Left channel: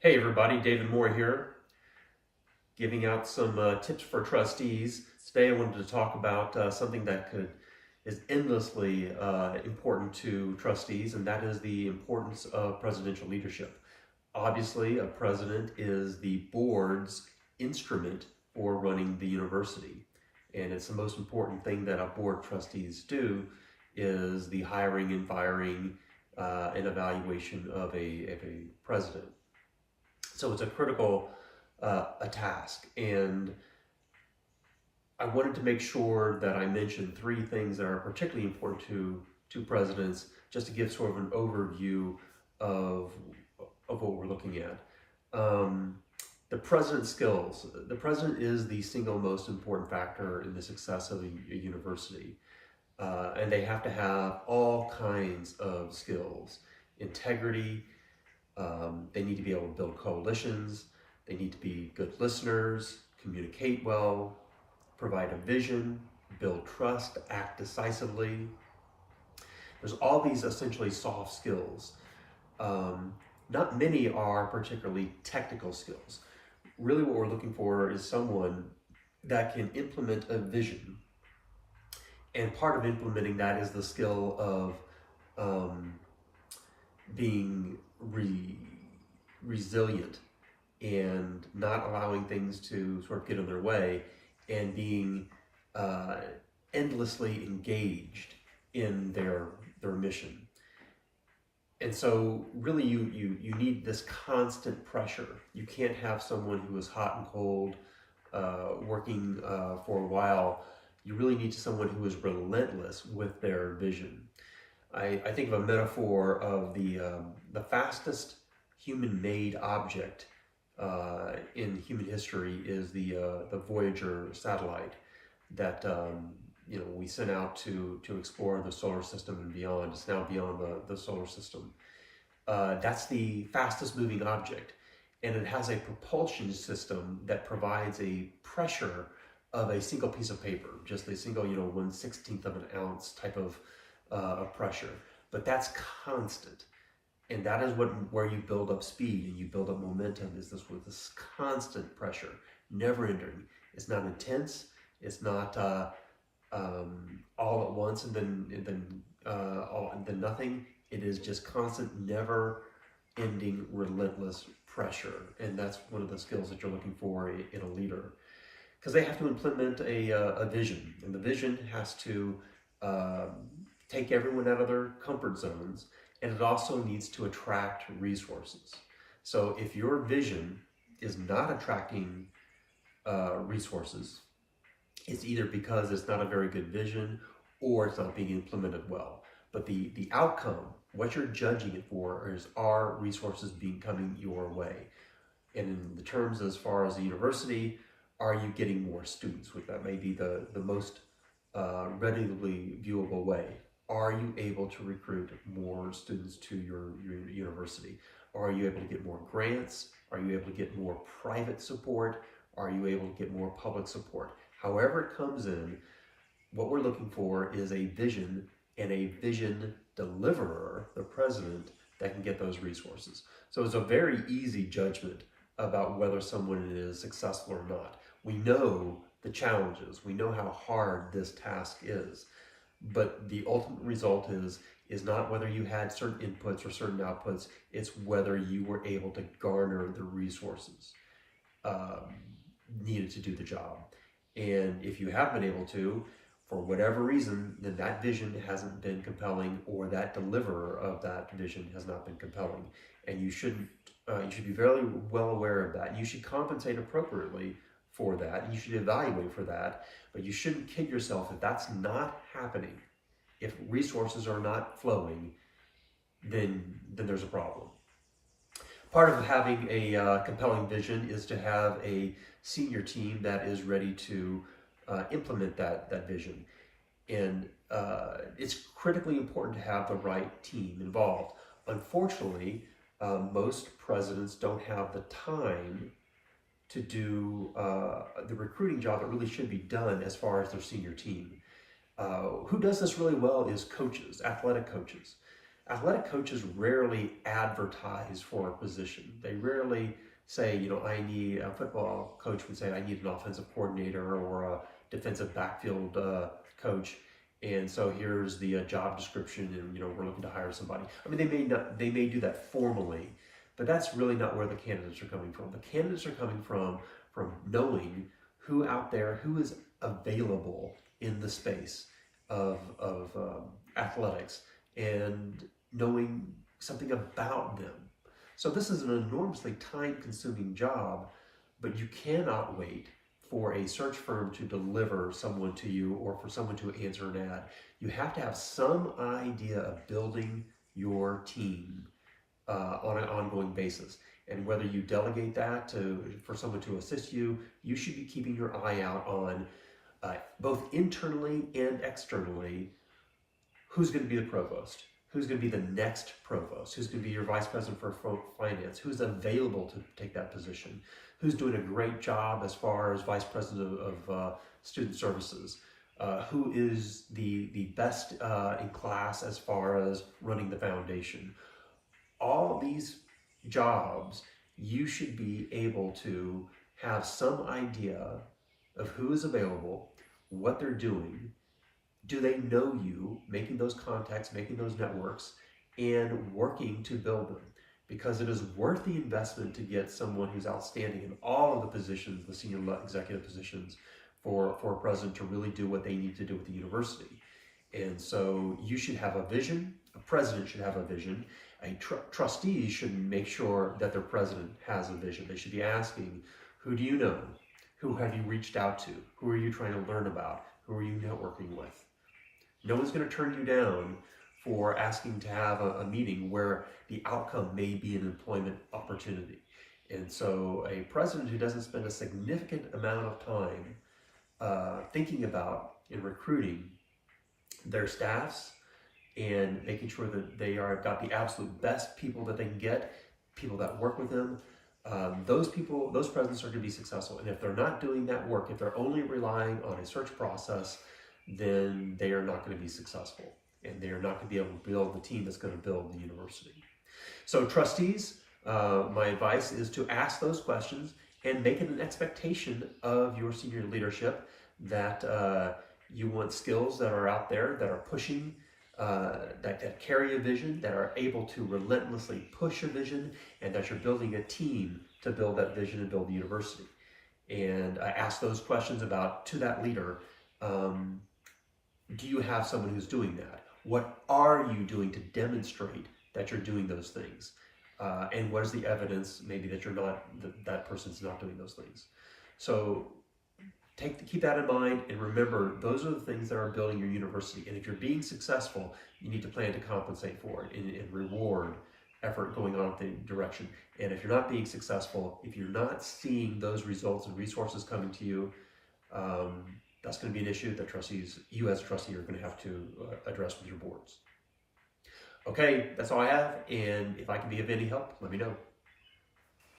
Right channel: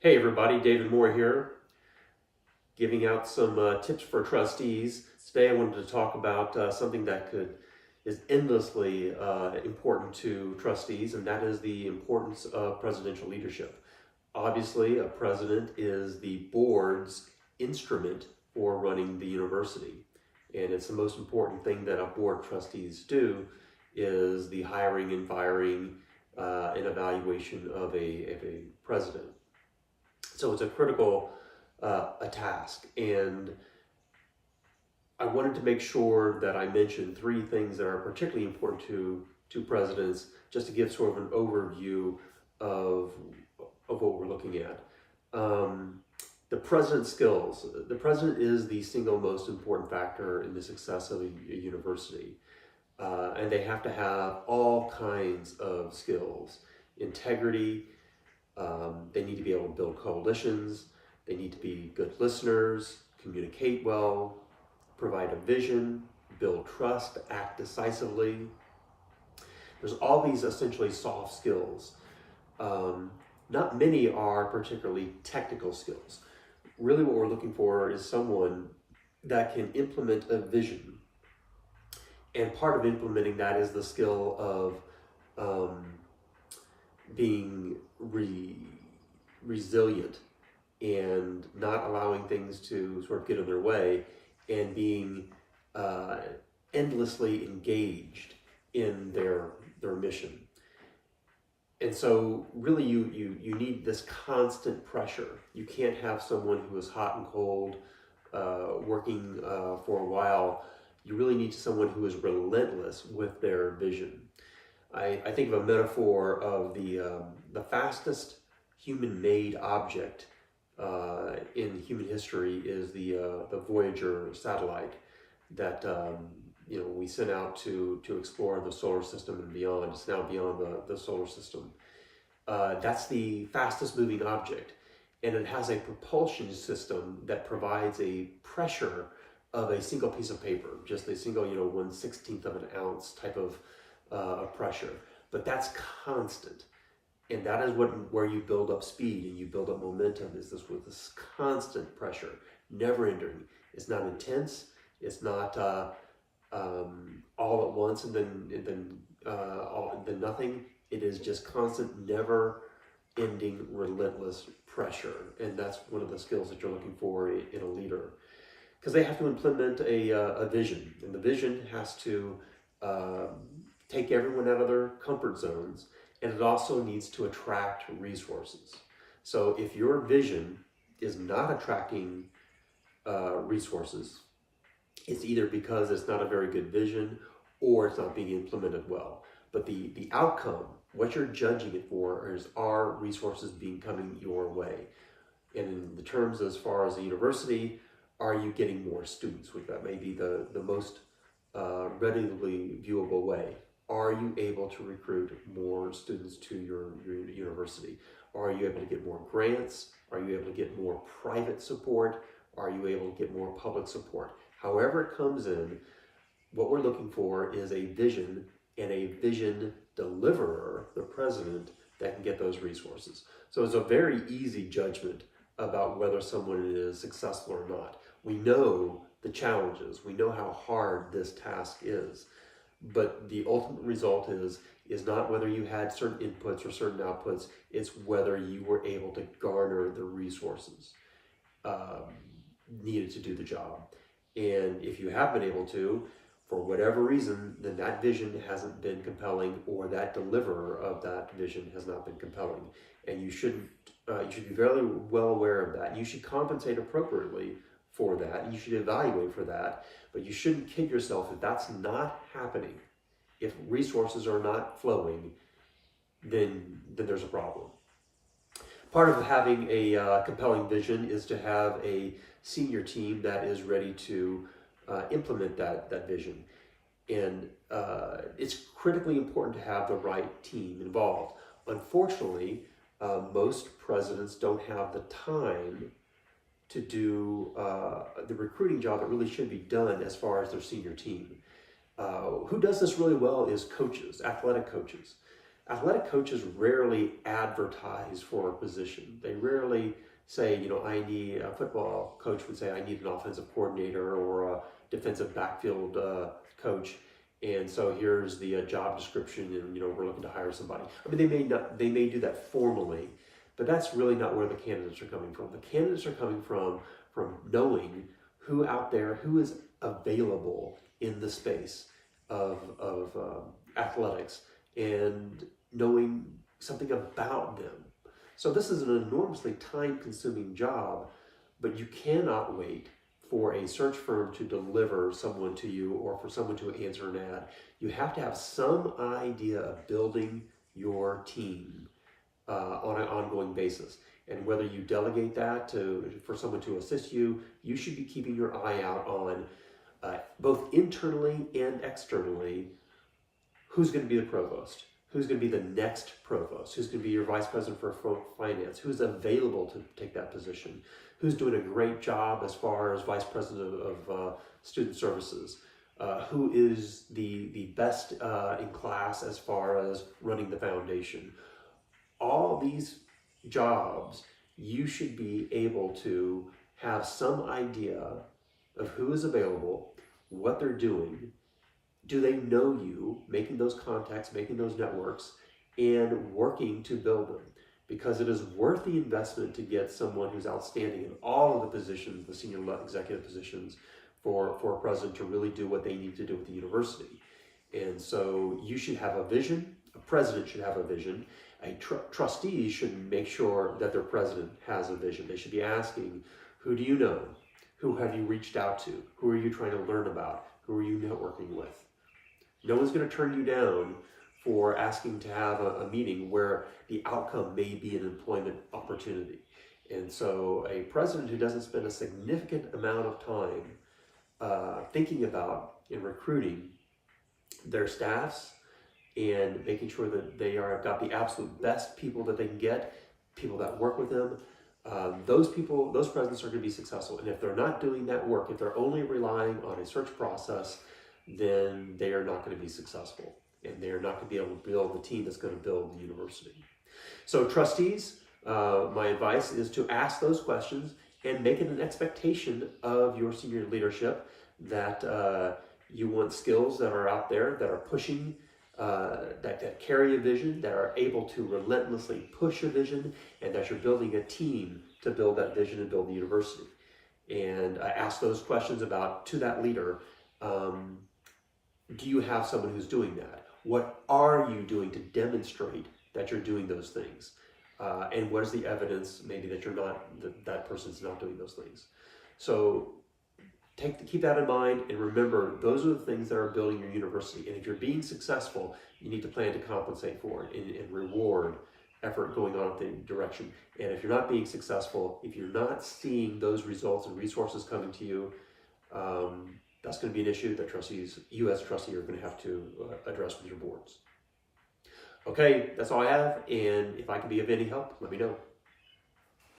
Hey everybody, David Moore here, giving out some tips for trustees. Today I wanted to talk about something that is endlessly important to trustees, and that is the importance of presidential leadership. Obviously, a president is the board's instrument for running the university, and it's the most important thing that a board of trustees do is the hiring and firing and evaluation of a president. So it's a critical a task, and I wanted to make sure that I mentioned three things that are particularly important to presidents, just to give sort of an overview of what we're looking at. The president's skills. The president is the single most important factor in the success of a university, and they have to have all kinds of skills: integrity. They need to be able to build coalitions. They need to be good listeners, communicate well, provide a vision, build trust, act decisively. There's all these essentially soft skills. Not many are particularly technical skills. Really, what we're looking for is someone that can implement a vision. And part of implementing that is the skill of being resilient and not allowing things to sort of get in their way, and being endlessly engaged in their mission. And so really you need this constant pressure. You can't have someone who is hot and cold working for a while. You really need someone who is relentless with their vision. I think of a metaphor of the fastest human-made object in human history is the Voyager satellite that we sent out to explore the solar system and beyond. It's now beyond the solar system. That's the fastest moving object, and it has a propulsion system that provides a pressure of a single piece of paper, just a single 1/16th of an ounce type of pressure. But that's constant. And that is where you build up speed and you build up momentum, is this with this constant pressure, never ending. It's not intense. It's not all at once and then nothing. It is just constant, never ending, relentless pressure. And that's one of the skills that you're looking for in a leader, because they have to implement a vision, and the vision has to take everyone out of their comfort zones. And it also needs to attract resources. So if your vision is not attracting resources, it's either because it's not a very good vision or it's not being implemented well. But the outcome, what you're judging it for, is, are resources coming your way? And in the terms as far as the university, are you getting more students? Which that may be the most readily viewable way. Are you able to recruit more students to your university? Are you able to get more grants? Are you able to get more private support? Are you able to get more public support? However it comes in, what we're looking for is a vision and a vision deliverer, the president, that can get those resources. So it's a very easy judgment about whether someone is successful or not. We know the challenges. We know how hard this task is. But the ultimate result is not whether you had certain inputs or certain outputs. It's whether you were able to garner the resources needed to do the job. And if you have been able to, for whatever reason, then that vision hasn't been compelling, or that deliverer of that vision has not been compelling. And you should be very well aware of that. And you should compensate appropriately for that, and you should evaluate for that, but you shouldn't kid yourself if that's not happening. If resources are not flowing, then there's a problem. Part of having a compelling vision is to have a senior team that is ready to implement that vision. And it's critically important to have the right team involved. Unfortunately, most presidents don't have the time to do the recruiting job that really should be done as far as their senior team. Who does this really well is coaches, athletic coaches. athletic coaches rarely advertise for a position. They rarely say, I need a football coach would say, I need an offensive coordinator or a defensive backfield coach. And so here's the job description, and we're looking to hire somebody. I mean, they may do that formally, but that's really not where the candidates are coming from. The candidates are coming from knowing who out there, who is available in the space of athletics, and knowing something about them. So this is an enormously time-consuming job, but you cannot wait for a search firm to deliver someone to you or for someone to answer an ad. You have to have some idea of building your team on an ongoing basis. And whether you delegate that for someone to assist you, you should be keeping your eye out on both internally and externally, who's going to be the provost, who's going to be the next provost, who's going to be your vice president for finance, who's available to take that position, who's doing a great job as far as vice president of student services, who is the best in class as far as running the foundation. All these jobs, you should be able to have some idea of who is available, what they're doing. Do they know you? Making those contacts, making those networks, and working to build them. Because it is worth the investment to get someone who's outstanding in all of the positions, the senior executive positions, for a president to really do what they need to do with the university. And so you should have a vision. A president should have a vision. Trustees should make sure that their president has a vision. They should be asking, who do you know? Who have you reached out to? Who are you trying to learn about? Who are you networking with? No one's going to turn you down for asking to have a meeting where the outcome may be an employment opportunity. And so a president who doesn't spend a significant amount of time thinking about and recruiting their staffs and making sure that they have got the absolute best people that they can get, people that work with them, those presidents are going to be successful. And if they're not doing that work, if they're only relying on a search process, then they are not going to be successful. And they are not going to be able to build the team that's going to build the university. So trustees, my advice is to ask those questions and make it an expectation of your senior leadership that you want skills that are out there, that are pushing, that carry a vision, that are able to relentlessly push a vision, and that you're building a team to build that vision and build the university. And ask those questions to that leader. Do you have someone who's doing that? What are you doing to demonstrate that you're doing those things? And what is the evidence maybe that that person's not doing those things? So keep that in mind, and remember, those are the things that are building your university. And if you're being successful, you need to plan to compensate for it and reward effort going on in the direction. And if you're not being successful, if you're not seeing those results and resources coming to you, that's going to be an issue that you as a trustee are going to have to address with your boards. Okay, that's all I have. And if I can be of any help, let me know.